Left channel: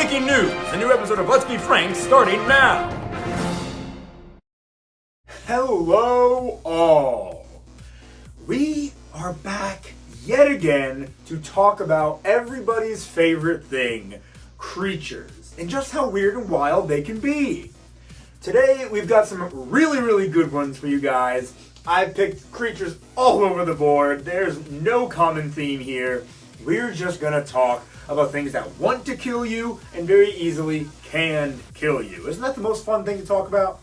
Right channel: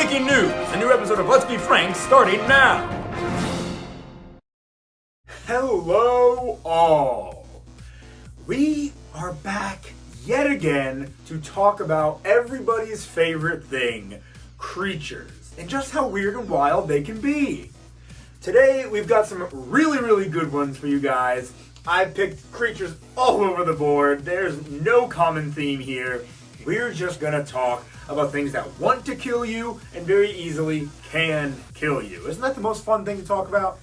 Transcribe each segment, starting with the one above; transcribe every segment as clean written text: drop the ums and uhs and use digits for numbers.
Breaking news! A new episode of Let's Be Frank starting now! Hello all! We are back yet again to talk about everybody's favorite thing, creatures, and just how weird and wild they can be. Today we've got some really good ones for you guys. I picked creatures all over the board. There's no common theme here. We're just gonna talk about things that want to kill you and very easily can kill you. Isn't that the most fun thing to talk about?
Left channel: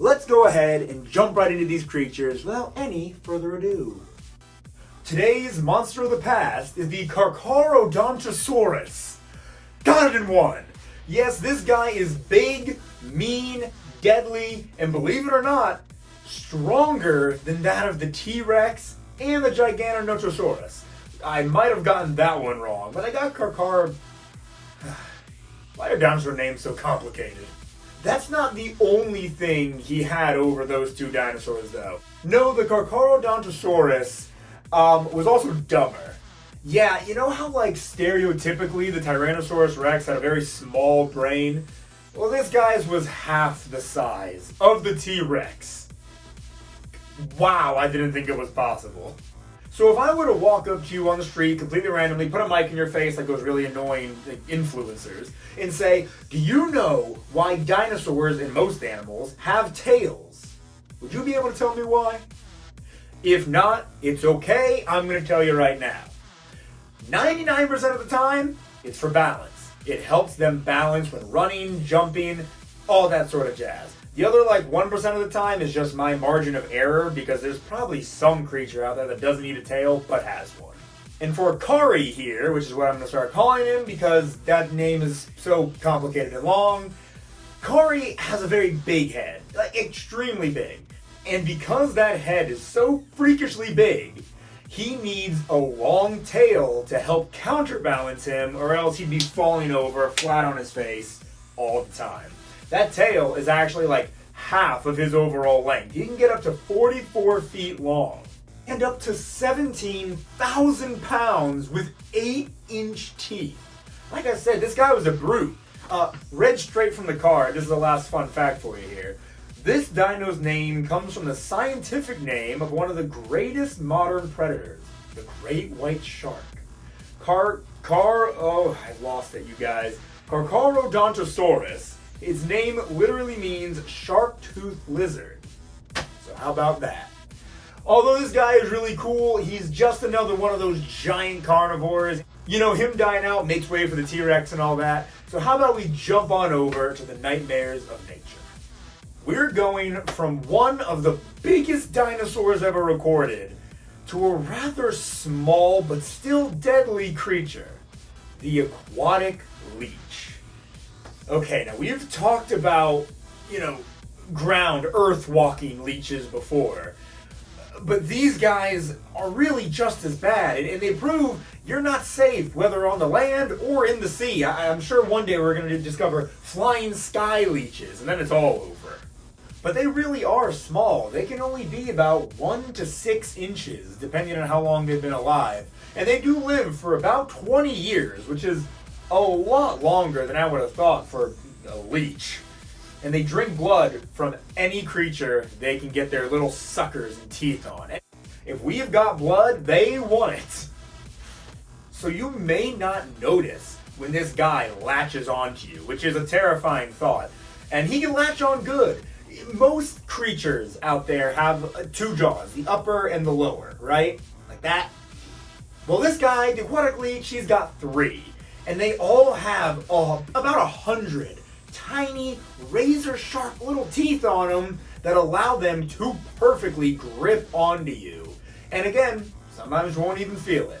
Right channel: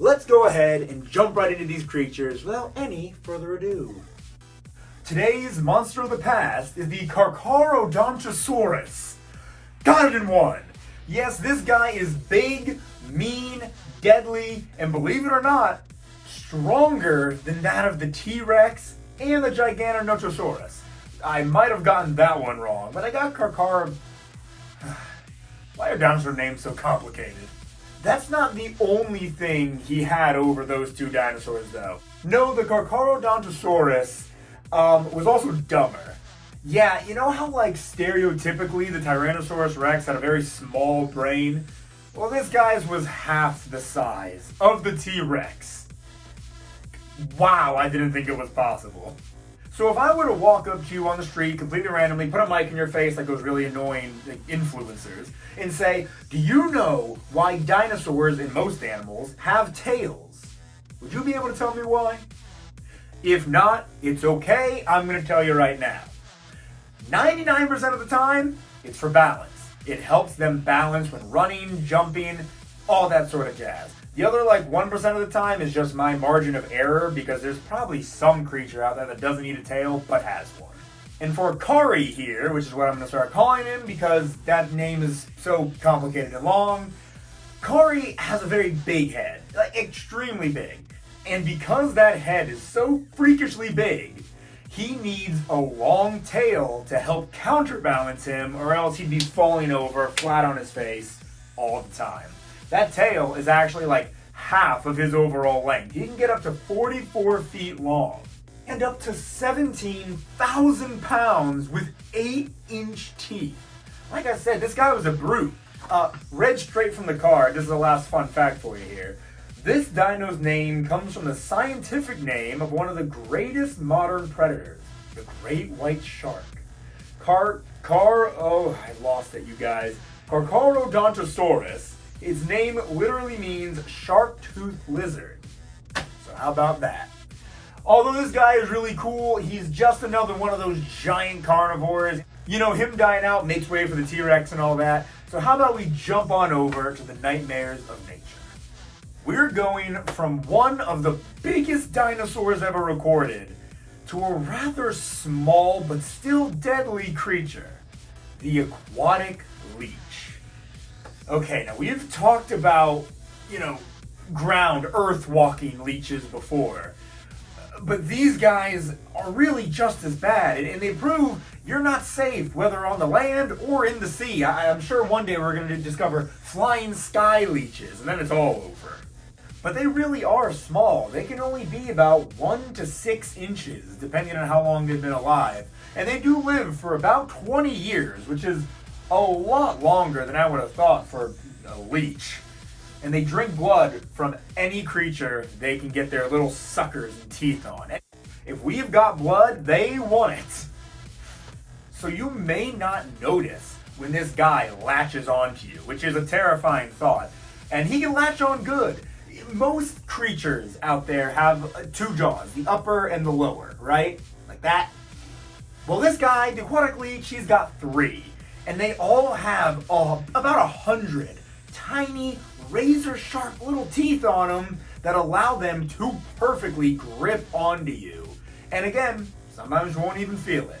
Let's go ahead and jump right into these creatures without any further ado. Today's monster of the past is the Carcharodontosaurus. Got it in one! Yes, this guy is big, mean, deadly, and believe it or not, stronger than that of the T-Rex and the Gigantodontosaurus. I might have gotten that one wrong, but I got Why are dinosaur names so complicated? That's not the only thing he had over those two dinosaurs, though. No, the Carcharodontosaurus was also dumber. Yeah, you know how, like, stereotypically the Tyrannosaurus Rex had a very small brain? Well, this guy's was half the size of the T-Rex. Wow, I didn't think it was possible. So if I were to walk up to you on the street completely randomly, put a mic in your face like those really annoying influencers, and say, do you know why dinosaurs and most animals have tails? Would you be able to tell me why? If not, it's okay, I'm going to tell you right now. 99% of the time, it's for balance. It helps them balance when running, jumping, all that sort of jazz. The other, 1% of the time is just my margin of error because there's probably some creature out there that doesn't need a tail but has one. And for Kari here, which is what I'm going to start calling him because that name is so complicated and long, Kari has a very big head, extremely big. And because that head is so freakishly big, he needs a long tail to help counterbalance him or else he'd be falling over flat on his face all the time. That tail is actually half of his overall length. He can get up to 44 feet long and up to 17,000 pounds with 8-inch teeth. Like I said, this guy was a brute. Read straight from the card. This is the last fun fact for you here. This dino's name comes from the scientific name of one of the greatest modern predators, the great white shark. I lost it, you guys. Carcharodontosaurus. Its name literally means sharp-toothed lizard. So how about that? Although this guy is really cool, he's just another one of those giant carnivores. You know, him dying out makes way for the T-Rex and all that. So how about we jump on over to the nightmares of nature? We're going from one of the biggest dinosaurs ever recorded to a rather small but still deadly creature, the aquatic leech. Okay, now we've talked about, ground, earth-walking leeches before. But these guys are really just as bad, and they prove you're not safe, whether on the land or in the sea. I'm sure one day we're going to discover flying sky leeches, and then it's all over. But they really are small. They can only be about 1 to 6 inches, depending on how long they've been alive. And they do live for about 20 years, which is a lot longer than I would have thought for a leech. And they drink blood from any creature they can get their little suckers and teeth on. If we've got blood, they want it. So you may not notice when this guy latches onto you, which is a terrifying thought. And he can latch on good. Most creatures out there have two jaws, the upper and the lower, right? Like that. Well, this guy, the aquatic leech, he's got 3. And they all have about 100 tiny, razor-sharp little teeth on them that allow them to perfectly grip onto you. And again, sometimes you won't even feel it.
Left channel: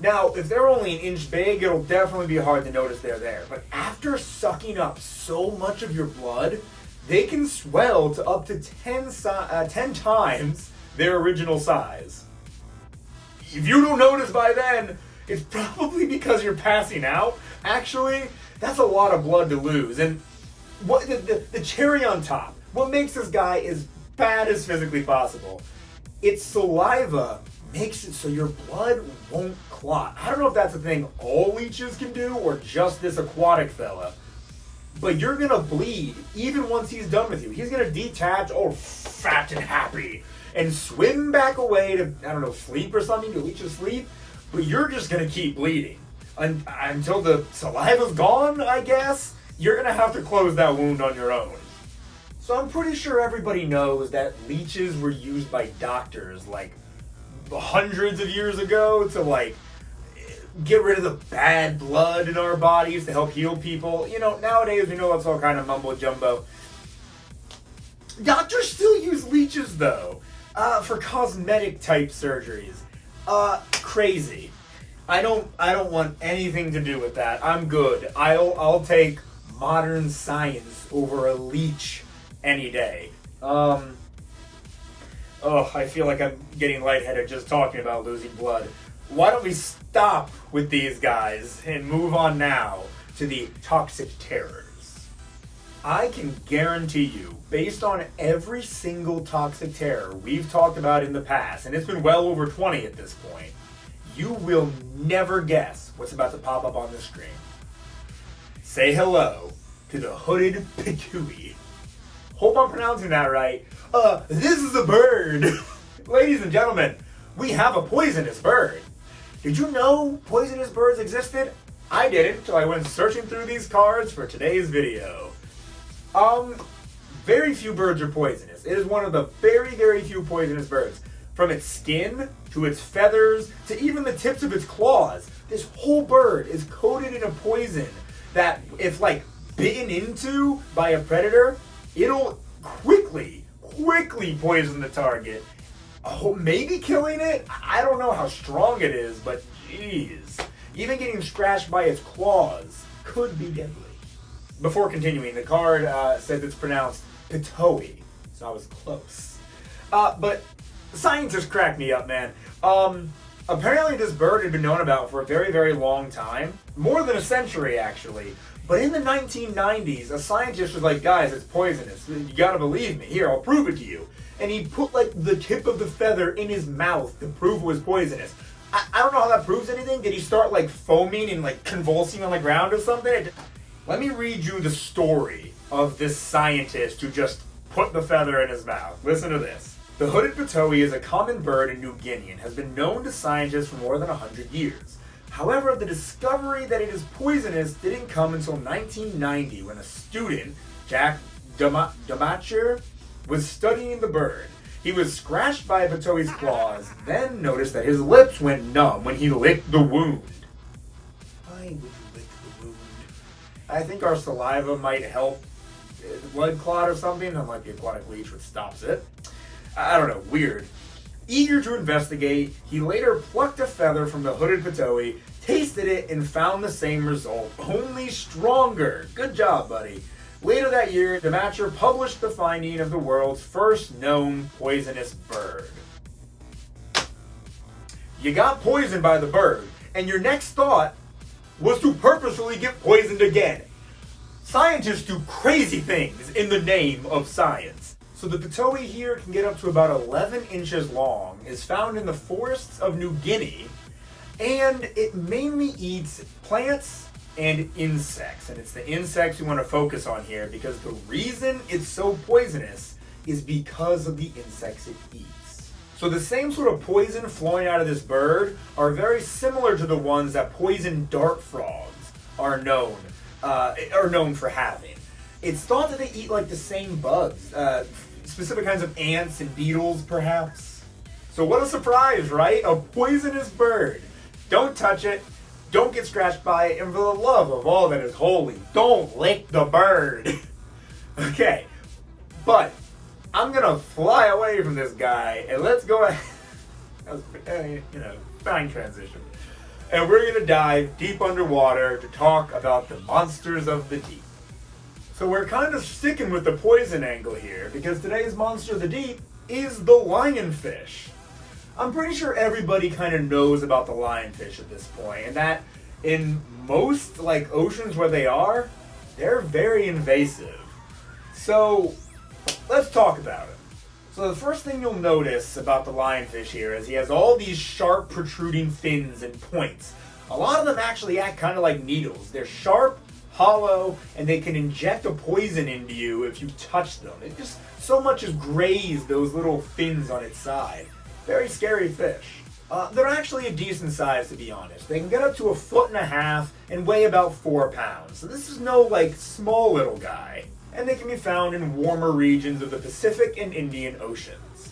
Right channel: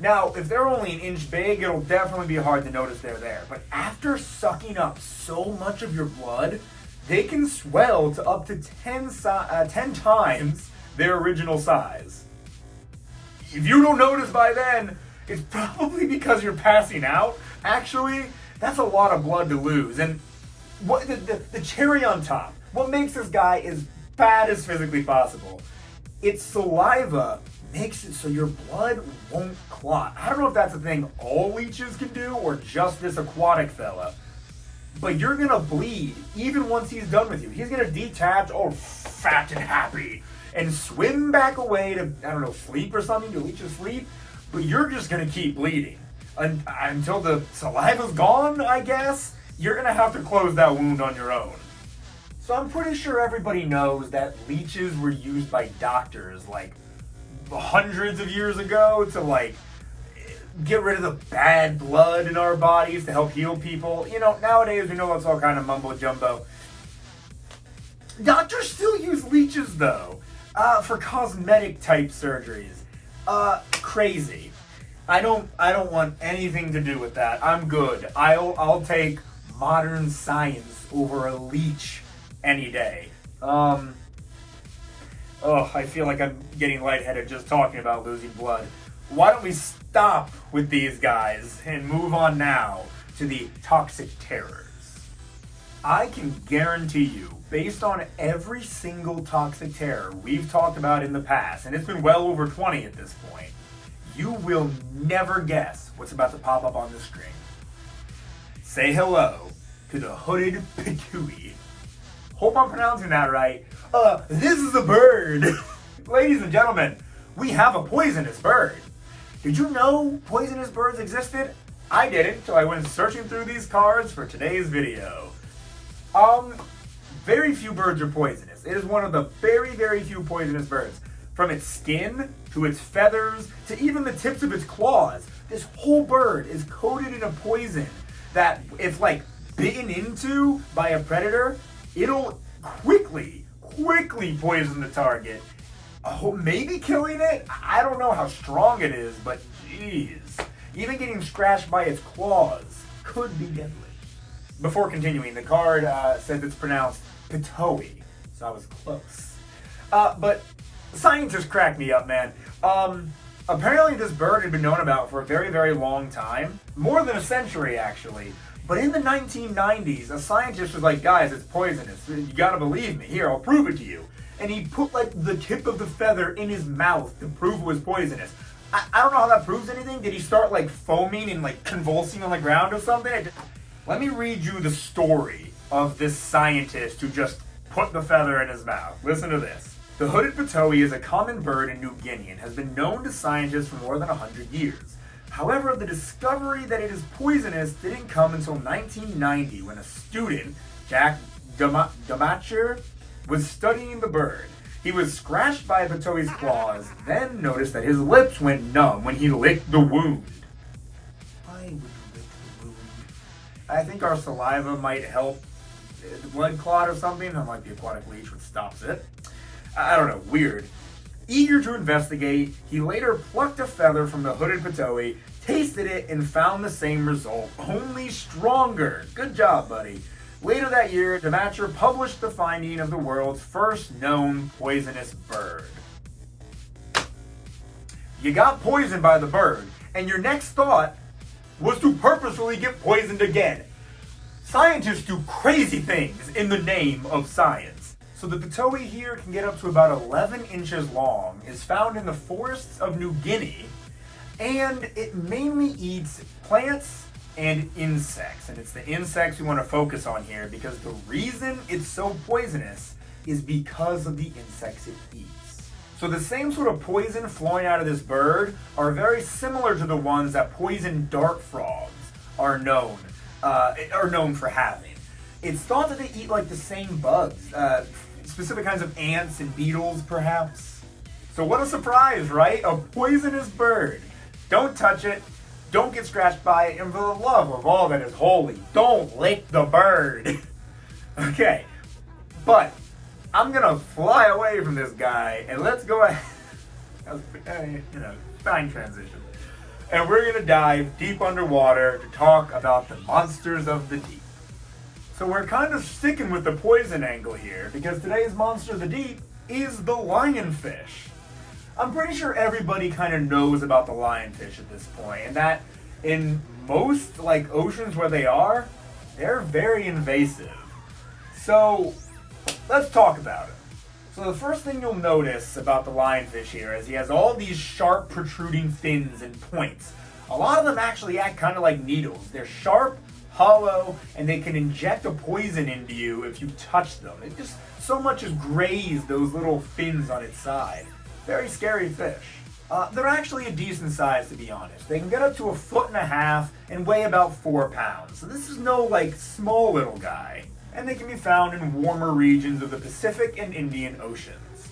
Now, if they're only an inch big, it'll definitely be hard to notice they're there. But after sucking up so much of your blood, they can swell to up to 10 times their original size. If you don't notice by then, it's probably because you're passing out. Actually, that's a lot of blood to lose. And what the cherry on top, what makes this guy as bad as physically possible, its saliva makes it so your blood won't clot. I don't know if that's a thing all leeches can do or just this aquatic fella. But you're gonna bleed even once he's done with you. He's gonna detach, all fat and happy, and swim back away to, I don't know, sleep or something, to leeches sleep. But you're just gonna keep bleeding until the saliva's gone, I guess. You're gonna have to close that wound on your own. So I'm pretty sure everybody knows that leeches were used by doctors like hundreds of years ago to like get rid of the bad blood in our bodies to help heal people. You know, nowadays we know it's all kind of mumbo jumbo. Doctors still use leeches though, for cosmetic type surgeries. Crazy. I don't want anything to do with that. I'm good. I'll take modern science over a leech any day. I feel like I'm getting lightheaded just talking about losing blood. Why don't we stop with these guys and move on now to the toxic terrors? I can guarantee you, based on every single toxic terror we've talked about in the past, and it's been well over 20 at this point, you will never guess what's about to pop up on the screen. Say hello to the hooded Pitohui. Hope I'm pronouncing that right. This is a bird. Ladies and gentlemen, we have a poisonous bird. Did you know poisonous birds existed? I didn't until I went searching through these cards for today's video. Very few birds are poisonous. It is one of the very, very few poisonous birds. From its skin, to its feathers, to even the tips of its claws. This whole bird is coated in a poison that if like bitten into by a predator, it'll quickly poison the target. Oh, maybe killing it? I don't know how strong it is, but jeez. Even getting scratched by its claws could be deadly. Before continuing, the card says it's pronounced Pitohui, so I was close. But scientists cracked me up, man. Apparently this bird had been known about for a very, very long time. More than a century, actually. But in the 1990s, a scientist was like, guys, it's poisonous. You gotta believe me. Here, I'll prove it to you. And he put like the tip of the feather in his mouth to prove it was poisonous. I don't know how that proves anything. Did he start like foaming and like convulsing on the ground or something? Let me read you the story of this scientist who just put the feather in his mouth. Listen to this. The hooded Pitohui is a common bird in New Guinea and has been known to scientists for more than 100 years. However, the discovery that it is poisonous didn't come until 1990 when a student, Jack Damacher, was studying the bird. He was scratched by Pitohui's claws, then noticed that his lips went numb when he licked the wound. Why would you lick the wound? I think our saliva might help the blood clot or something, unlike the aquatic leech, which stops it. I don't know, weird. Eager to investigate, he later plucked a feather from the hooded Pitohui, tasted it, and found the same result, only stronger. Good job, buddy. Later that year, Damacher published the finding of the world's first known poisonous bird. You got poisoned by the bird, and your next thought was to purposefully get poisoned again. Scientists do crazy things in the name of science. So the Pitohui here can get up to about 11 inches long, is found in the forests of New Guinea, and it mainly eats plants and insects. And it's the insects we want to focus on here because the reason it's so poisonous is because of the insects it eats. So the same sort of poison flowing out of this bird are very similar to the ones that poison dart frogs are known for having. It's thought that they eat like the same bugs, specific kinds of ants and beetles perhaps. So what a surprise, right? A poisonous bird. Don't touch it. Don't get scratched by it, and for the love of all that is holy, don't lick the bird. Okay, but I'm gonna fly away from this guy, and let's go ahead. Fine transition. And we're gonna dive deep underwater to talk about the monsters of the deep. So we're kind of sticking with the poison angle here, because today's monster of the deep is the lionfish. I'm pretty sure everybody kind of knows about the lionfish at this point, and that in most like oceans where they are, they're very invasive. So let's talk about it. So the first thing you'll notice about the lionfish here is he has all these sharp protruding fins and points. A lot of them actually act kind of like needles. They're sharp, hollow, and they can inject a poison into you if you touch them. It just so much as graze those little fins on its side. Very scary fish. They're actually a decent size, to be honest. They can get up to 1.5 feet and weigh about 4 pounds. So this is no like small little guy. And they can be found in warmer regions of the Pacific and Indian Oceans.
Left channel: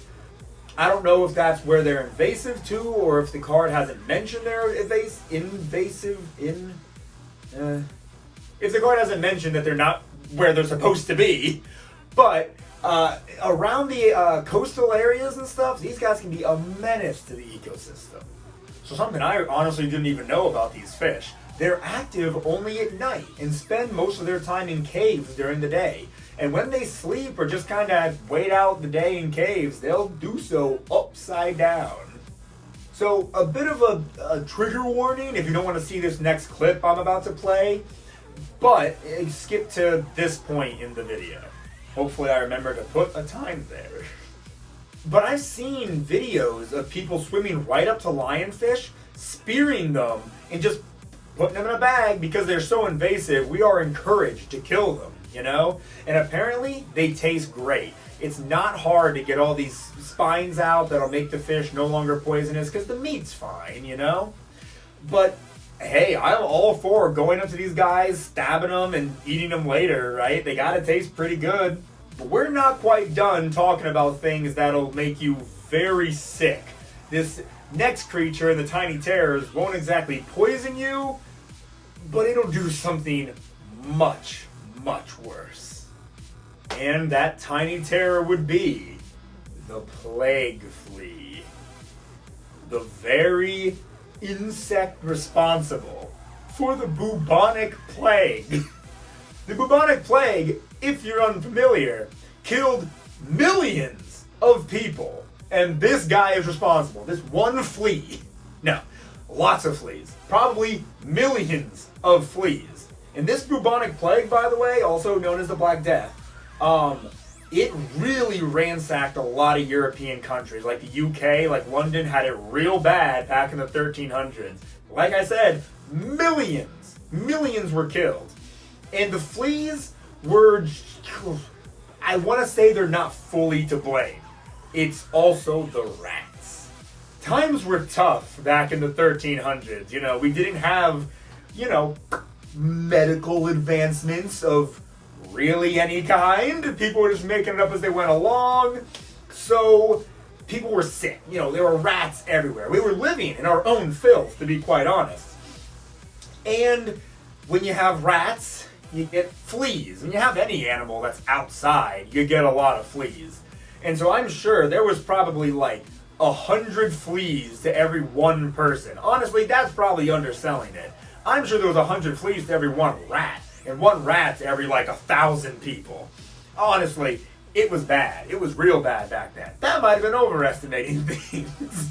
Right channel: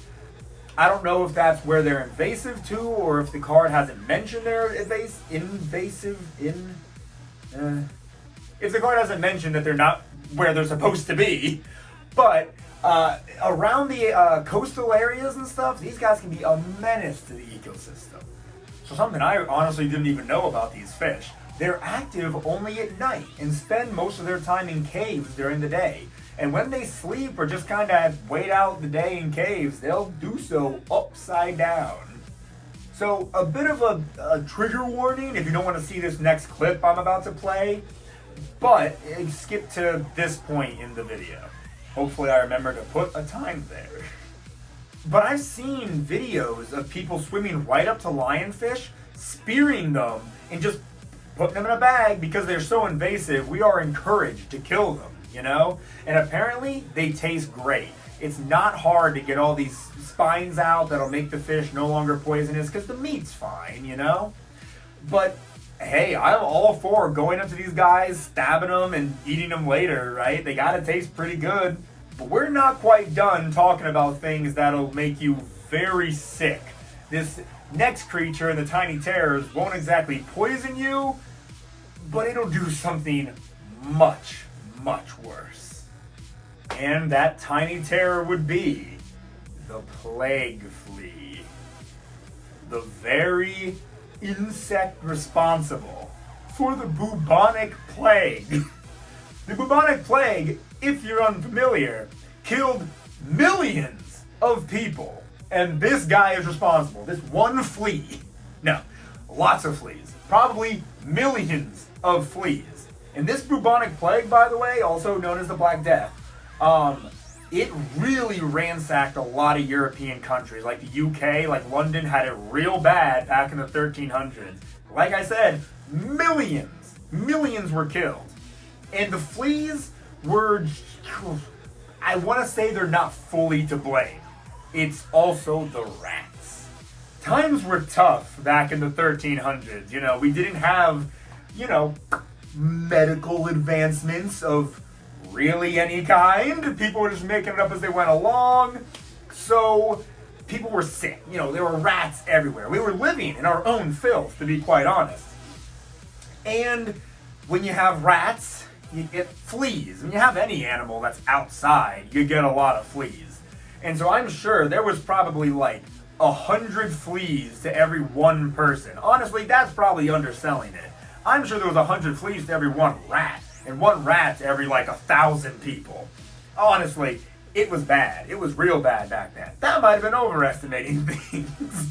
I don't know if that's where they're invasive to, or if the card hasn't mentioned they're invasive. If the card hasn't mentioned that they're not where they're supposed to be. But around the coastal areas and stuff, these guys can be a menace to the ecosystem. So something I honestly didn't even know about these fish. They're active only at night and spend most of their time in caves during the day. And when they sleep or just kind of wait out the day in caves, they'll do so upside down. So a bit of a trigger warning if you don't want to see this next clip I'm about to play, but skip to this point in the video. Hopefully I remember to put a time there. But I've seen videos of people swimming right up to lionfish, spearing them, and just putting them in a bag because they're so invasive. We are encouraged to kill them, you know? And apparently they taste great. It's not hard to get all these spines out that'll make the fish no longer poisonous because the meat's fine, you know? But hey, I'm all for going up to these guys, stabbing them, and eating them later, right? They gotta taste pretty good. But we're not quite done talking about things that'll make you very sick. This next creature in the Tiny Terrors won't exactly poison you, but it'll do something much, much worse. And that tiny terror would be the plague flea. The very insect responsible for the bubonic plague. The bubonic plague, if you're unfamiliar, killed millions of people. And this guy is responsible. This one flea. No, lots of fleas. Probably millions of fleas. And this bubonic plague, by the way, also known as the Black Death, it really ransacked a lot of European countries, like the UK, like London had it real bad back in the 1300s. Like I said, millions were killed. And the fleas were, I want to say they're not fully to blame. It's also the rats. Times were tough back in the 1300s. You know, we didn't have, medical advancements of really any kind. People were just making it up as they went along. So people were sick. There were rats everywhere. We were living in our own filth, to be quite honest. And when you have rats, you get fleas. When you have any animal that's outside, you get a lot of fleas. And so I'm sure there was probably like 100 fleas to every one person. Honestly, that's probably underselling it. I'm sure there was 100 fleas to every one rat. And one rat to every 1,000 people. Honestly, it was bad. It was real bad back then. That might have been overestimating things.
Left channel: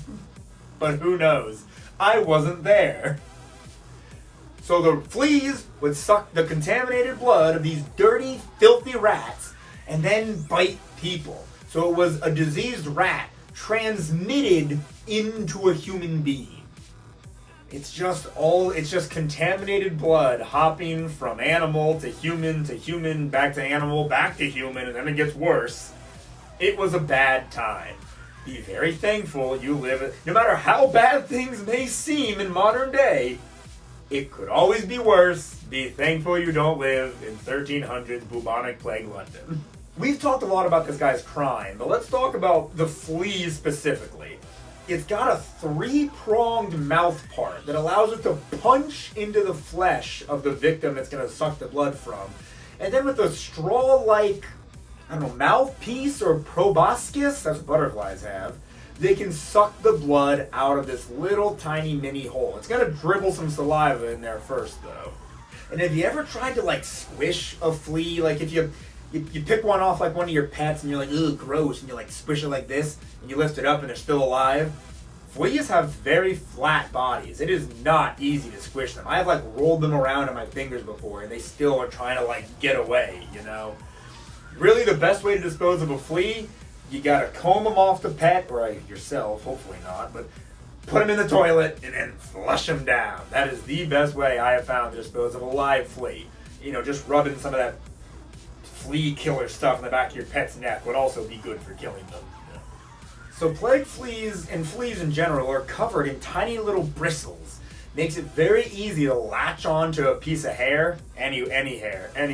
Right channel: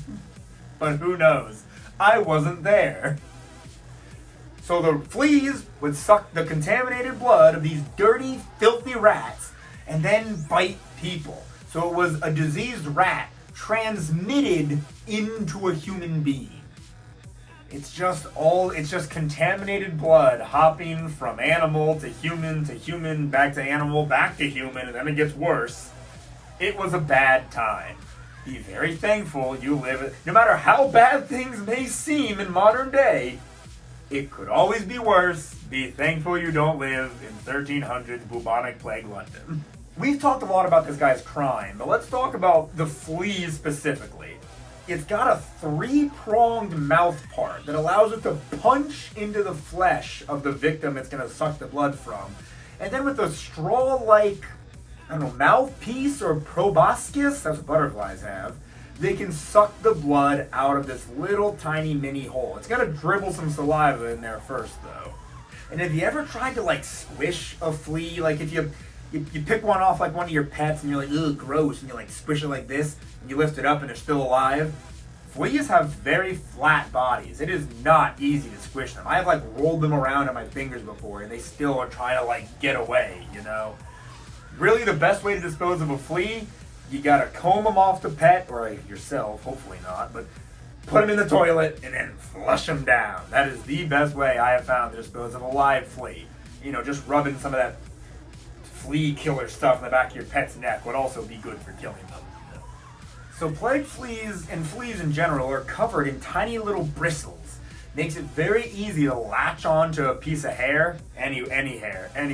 But who knows? I wasn't there. So the fleas would suck the contaminated blood of these dirty, filthy rats and then bite people. So it was a diseased rat transmitted into a human being. It's just contaminated blood hopping from animal to human, back to animal, back to human, and then it gets worse. It was a bad time. Be very thankful you live, no matter how bad things may seem in modern day, it could always be worse. Be thankful you don't live in 1300s bubonic plague London. We've talked a lot about this guy's crime, but let's talk about the flea specifically. It's got a 3-pronged mouth part that allows it to punch into the flesh of the victim it's going to suck the blood from. And then with a straw-like, mouthpiece or proboscis, that's what butterflies have, they can suck the blood out of this little tiny mini hole. It's going to dribble some saliva in there first, though. And have you ever tried to, squish a flea? If you pick one off one of your pets and you're like, ugh, gross, and you squish it like this, and you lift it up and they're still alive. Fleas have very flat bodies. It is not easy to squish them. I have rolled them around on my fingers before and they still are trying to get away, Really the best way to dispose of a flea, you gotta comb them off the pet, or yourself, hopefully not, but put them in the toilet and then flush them down. That is the best way I have found to dispose of a live flea. You know, just rubbing some of that flea killer stuff in the back of your pet's neck would also be good for killing them. So plague fleas and fleas in general are covered in tiny little bristles. Makes it very easy to latch onto a piece of hair, any hair, and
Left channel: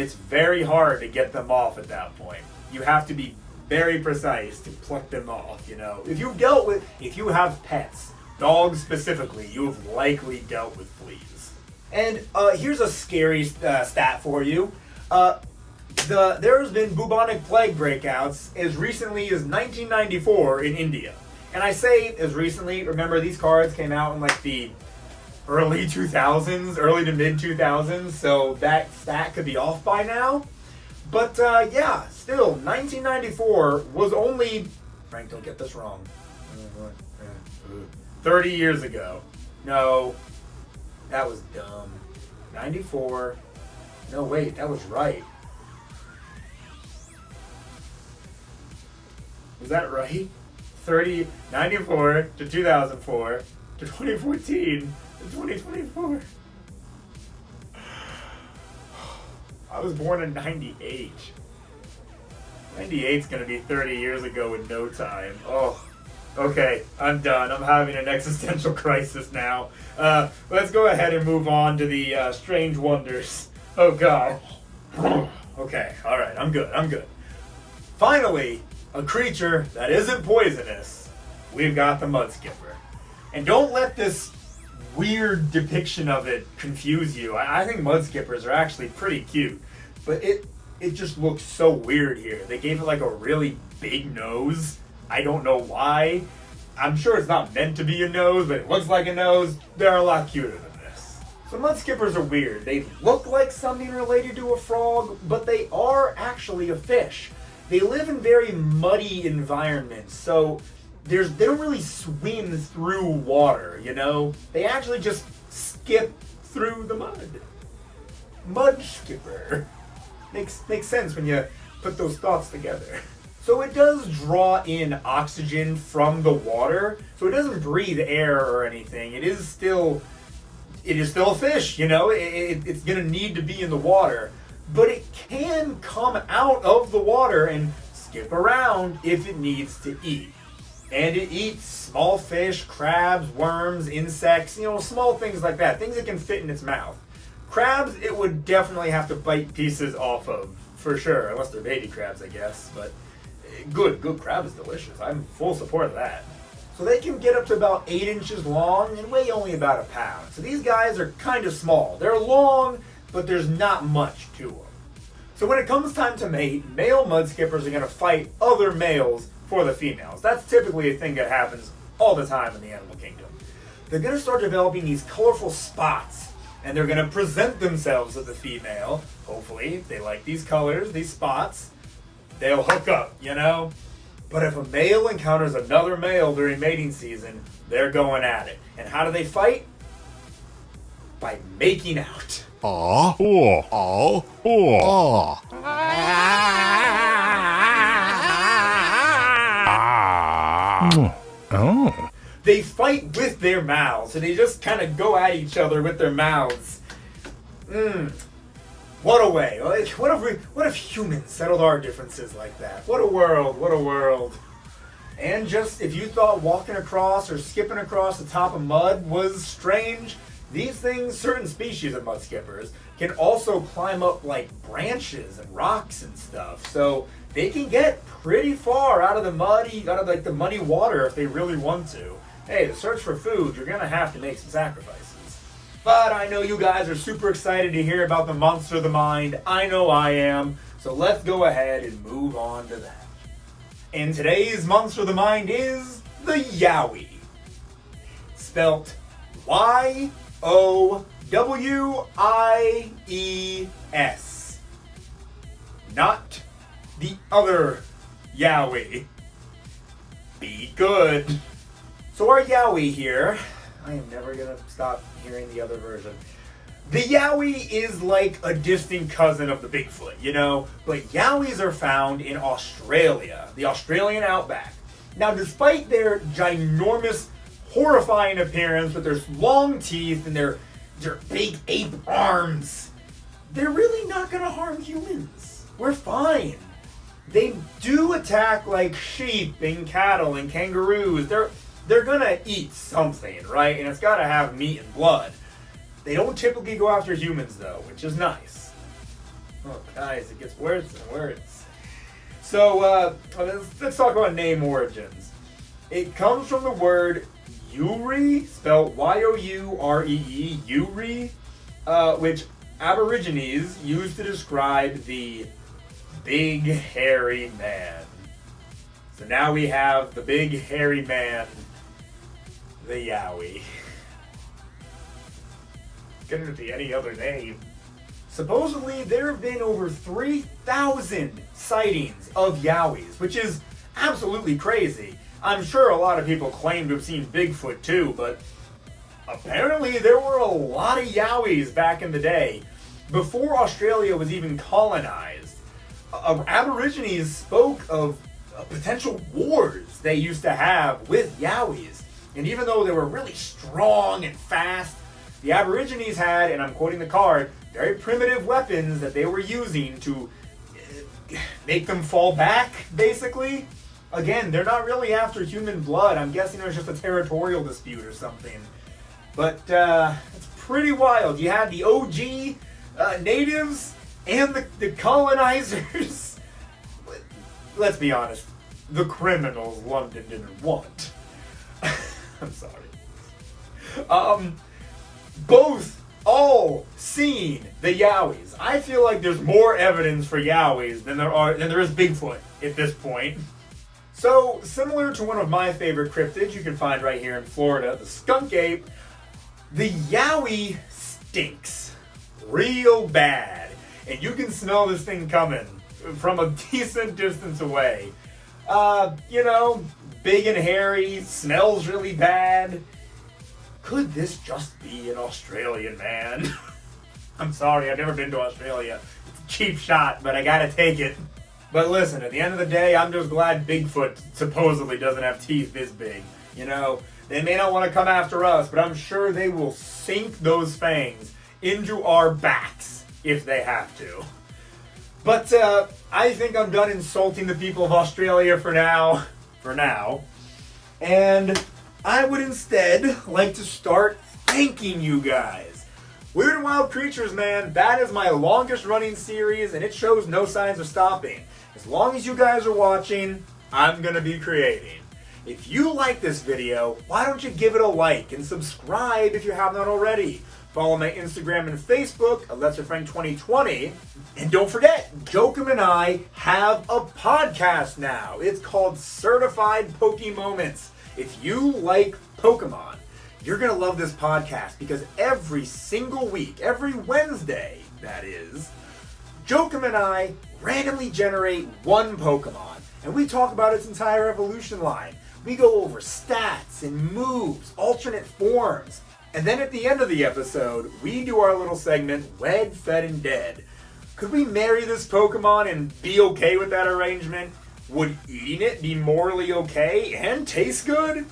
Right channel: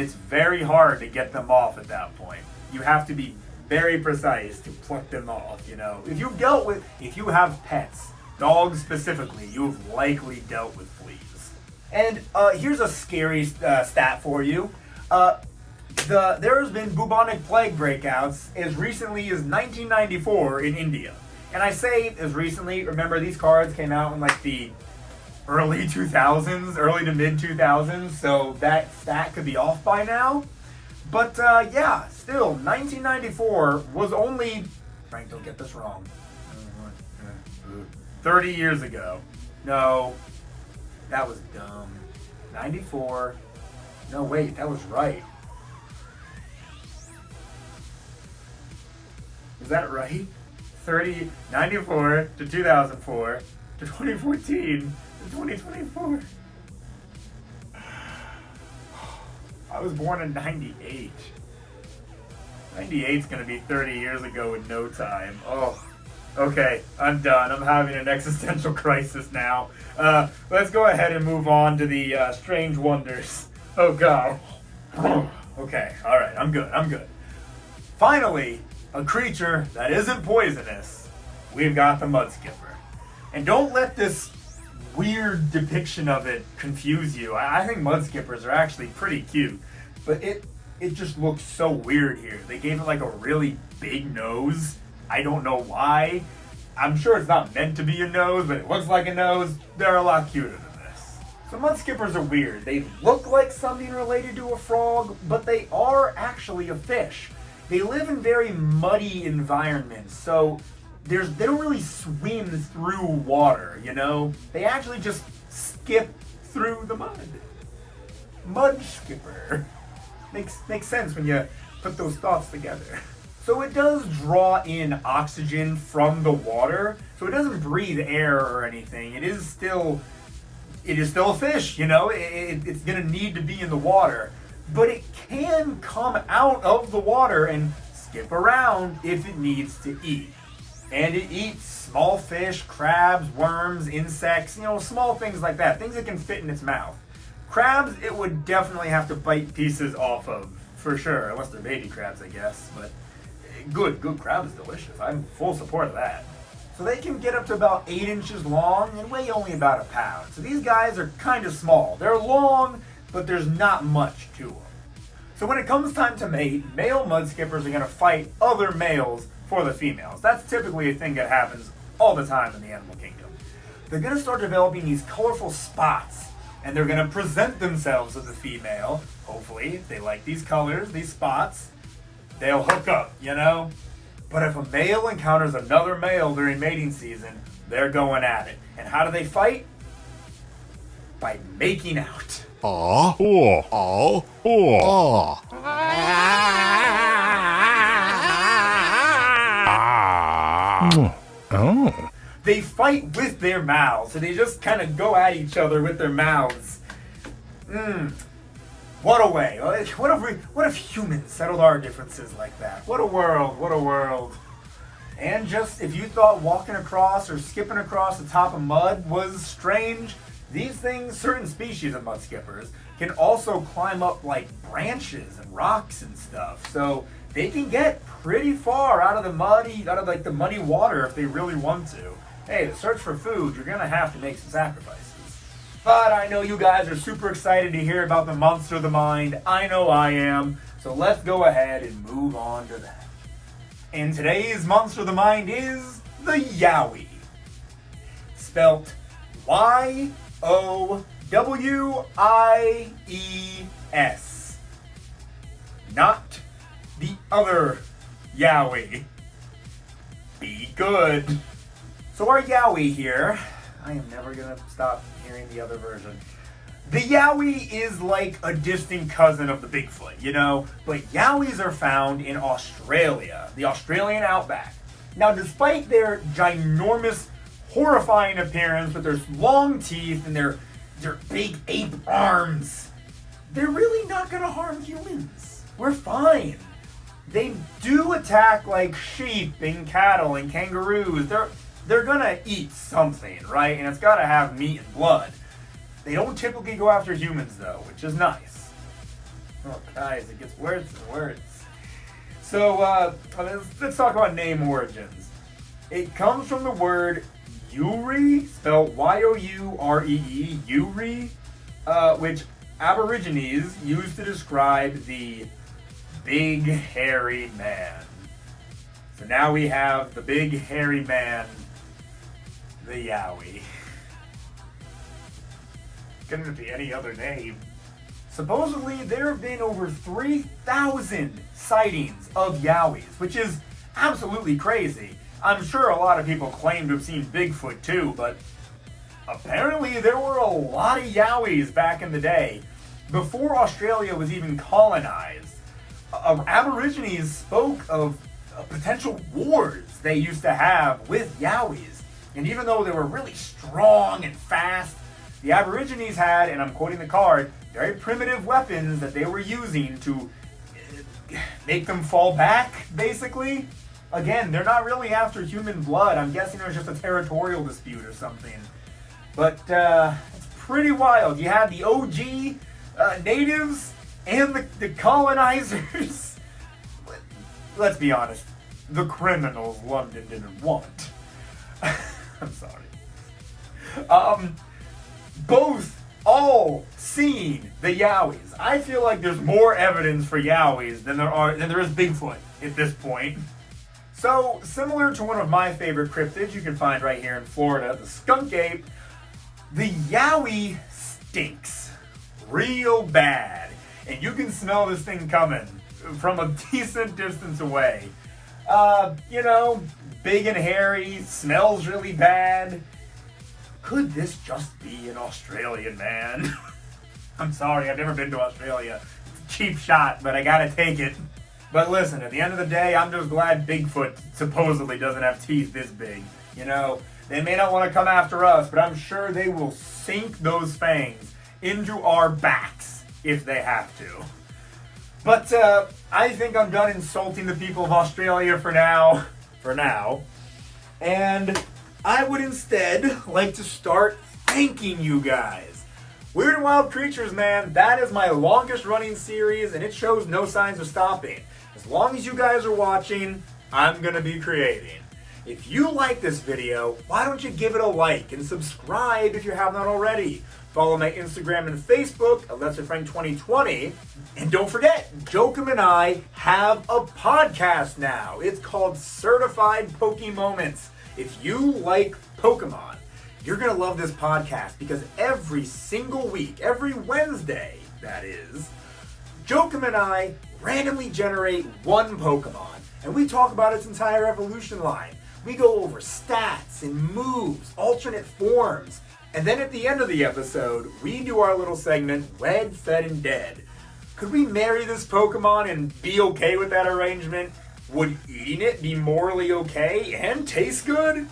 it's very hard to get them off at that point. You have to be very precise to pluck them off, you know. If you have pets, dogs specifically, you've likely dealt with fleas. And here's a scary stat for you. There's been bubonic plague breakouts as recently as 1994 in India. And I say as recently, remember these cards came out in like the early 2000s, early to mid 2000s, so that stat could be off by now. But yeah, still, 1994 was only, Frank, don't get this wrong, 30 years ago. No, that was dumb. 94, no wait, that was right. Is that right? 94 to 2004 to 2014 to 2024. I was born in 98. 98's gonna be 30 years ago in no time. Oh, okay, I'm done. I'm having an existential crisis now. Let's go ahead and move on to the strange wonders. Oh God. Okay, all right, I'm good. Finally, a creature that isn't poisonous. We've got the Mudskipper. And don't let this weird depiction of it confuse you. I think Mudskippers are actually pretty cute, but it just looks so weird here. They gave it like a really big nose. I don't know why. I'm sure it's not meant to be a nose, but it looks like a nose. They're a lot cuter than this. So Mudskippers are weird. They look like something related to a frog, but they are actually a fish. They live in very muddy environments, so they don't really swim through water, you know? They actually just skip through the mud. Mudskipper. Makes sense when you put those thoughts together. So it does draw in oxygen from the water, so it doesn't breathe air or anything. It is still a fish, you know? It's gonna need to be in the water. But it can come out of the water and skip around if it needs to eat. And it eats small fish, crabs, worms, insects, you know, small things like that, things that can fit in its mouth. Crabs, it would definitely have to bite pieces off of, for sure, unless they're baby crabs, I guess. But good crab is delicious. I'm full support of that. So they can get up to about 8 inches long and weigh only about a pound. So these guys are kind of small. They're long, but there's not much to them. So when it comes time to mate, male Mudskippers are going to fight other males for the females. That's typically a thing that happens all the time in the animal kingdom. They're going to start developing these colorful spots, and they're going to present themselves to the female. Hopefully, if they like these colors, these spots, they'll hook up, you know? But if a male encounters another male during mating season, they're going at it. And how do they fight? By making out. They fight with their mouths, so they just kind of go at each other with their mouths. What a way. What if humans settled our differences like that? What a world. And just, if you thought walking across or skipping across the top of mud was strange, these things, certain species of Mudskippers, can also climb up like branches and rocks and stuff. So they can get pretty far out of the muddy water if they really want to. Hey, to search for food, you're gonna have to make some sacrifices. But I know you guys are super excited to hear about the monster of the mind. I know I am. So let's go ahead and move on to that. And today's monster of the mind is the Yowie. Spelt Y-O-W-I-E-S. Not the other Yowie. Be good. So our Yowie here, I am never gonna stop hearing the other version. The Yowie is like a distant cousin of the Bigfoot, you know? But Yowies are found in Australia, the Australian outback. Now, despite their ginormous, horrifying appearance with their long teeth and their big ape arms, they're really not gonna harm humans. We're fine. They do attack like sheep and cattle and kangaroos. They're gonna eat something, right? And it's gotta have meat and blood. They don't typically go after humans though, which is nice. Oh guys, it gets worse and worse. So let's talk about name origins. It comes from the word Yowie, spelled Y-O-U-R-E-E, Yowie, which Aborigines used to describe the big hairy man. So now we have the big hairy man, the Yowie. Couldn't it be any other name? Supposedly, there have been over 3,000 sightings of Yowies, which is absolutely crazy. I'm sure a lot of people claim to have seen Bigfoot too, but apparently there were a lot of Yowies back in the day, before Australia was even colonized. Aborigines spoke of potential wars they used to have with Yowies, and even though they were really strong and fast, the Aborigines had, and I'm quoting the card, very primitive weapons that they were using to make them fall back, basically. Again, they're not really after human blood. I'm guessing it was just a territorial dispute or something. But it's pretty wild. You had the OG natives and the colonizers. Let's be honest, the criminals London didn't want. I'm sorry. All seen the Yowies. I feel like there's more evidence for Yowies than there is Bigfoot at this point. So, similar to one of my favorite cryptids you can find right here in Florida, the skunk ape, the Yowie stinks real bad. And you can smell this thing coming from a decent distance away. Big and hairy, smells really bad. Could this just be an Australian man? I'm sorry, I've never been to Australia. It's a cheap shot, but I gotta take it. But listen, at the end of the day, I'm just glad Bigfoot supposedly doesn't have teeth this big. You know, they may not want to come after us, but I'm sure they will sink those fangs into our backs if they have to. But I think I'm done insulting the people of Australia for now. And I would instead like to start thanking you guys. Weird and Wild Creatures, man, that is my longest running series, and it shows no signs of stopping. As long as you guys are watching, I'm going to be creating. If you like this video, why don't you give it a like and subscribe if you have not already. Follow my Instagram and Facebook, LesserFrank2020. And don't forget, Jokum and I have a podcast now. It's called Certified Pokemoments. If you like Pokemon, you're going to love this podcast because every single week, every Wednesday, that is, Jokum and I randomly generate one Pokemon, and we talk about its entire evolution line. We go over stats and moves, alternate forms, and then at the end of the episode, we do our little segment, Wed, Fed, and Dead. Could we marry this Pokemon and be okay with that arrangement? Would eating it be morally okay and taste good?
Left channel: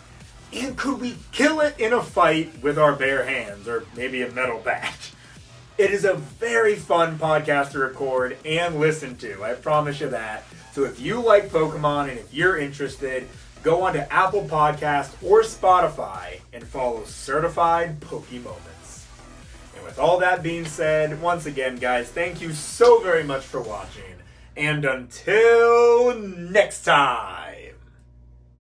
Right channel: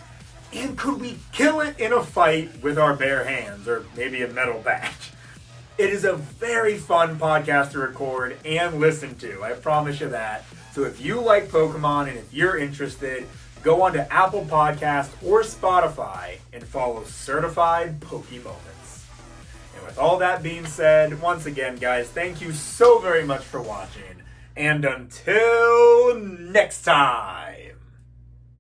And could we kill it in a fight with our bare hands, or maybe a metal bat? It is a very fun podcast to record and listen to, I promise you that. So if you like Pokemon and if you're interested, go on to Apple Podcasts or Spotify and follow Certified Pokemoments. And with all that being said, once again, guys, thank you so very much for watching. And until next time.